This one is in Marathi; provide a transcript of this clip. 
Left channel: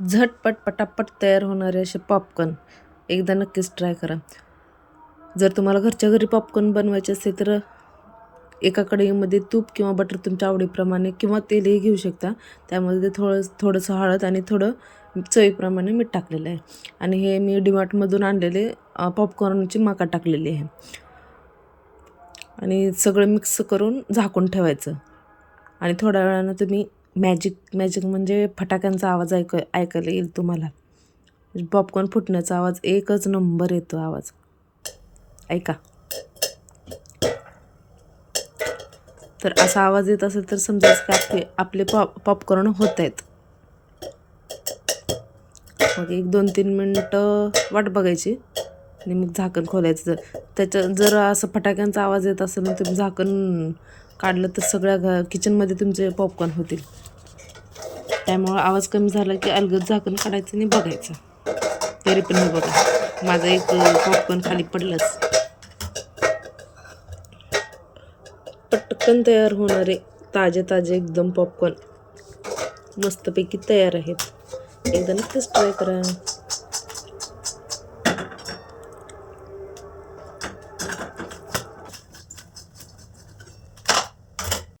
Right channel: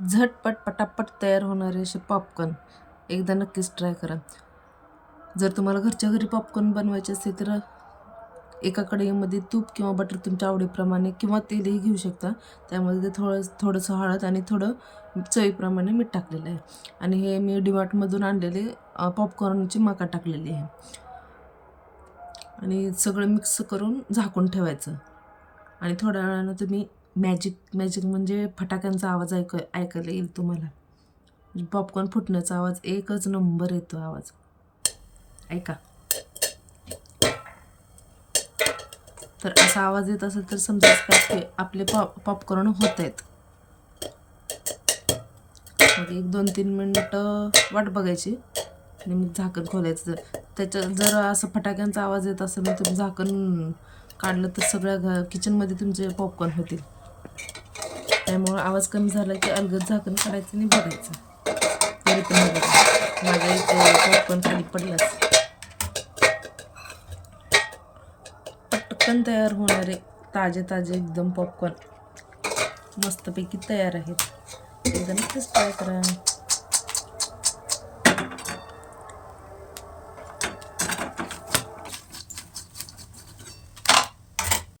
झटपट पटापट तयार होणारे असे पॉपकॉर्न एकदा नक्कीच ट्राय करा. जर तुम्हाला घरच्या घरी पॉपकॉर्न बनवायचे असेल तर एका कढईमध्ये तूप किंवा बटर तुमच्या आवडीप्रमाणे किंवा तेलही घेऊ शकता. त्यामध्ये थोडंसं हळद आणि थोडं चवीप्रमाणे मीठ टाकलेलं आहे. आणि हे मी डीमार्टमधून आणलेले पॉपकॉर्नची माका टाकलेली आहे. आणि सगळं मिक्स करून झाकून ठेवायचं. आणि थोड्या वेळानं तुम्ही मॅजिक म्हणजे फटाक्यांचा आवाज ऐकायला येईल तुम्हाला. पॉपकॉर्न फुटण्याचा आवाज एकच नंबर येतो आवाज. ऐका. तर असा आवाज येत असेल तर समजायचं की आपले पॉपकॉर्न होत आहेत. मग 1-2-3 मिनटं वाट बघायची आणि मग झाकण खोलायचं. जर असं फटाक्यांचा आवाज येत असेल तर तुम्ही झाकण काढलं तर सगळ्या किचनमध्ये तुमचे पॉपकॉर्न होतील. त्यामुळं आवाज कमी झाला की अलगद झाकण काढायचं आणि बघायचं. तरी पण हे बघा माझा एक पॉपकॉर्न खाली पडलाच. पटकन तयार होणारे ताजे एकदम पॉपकॉर्न मस्तपैकी तयार आहेत. एकदा नक्कीच ट्राय करा.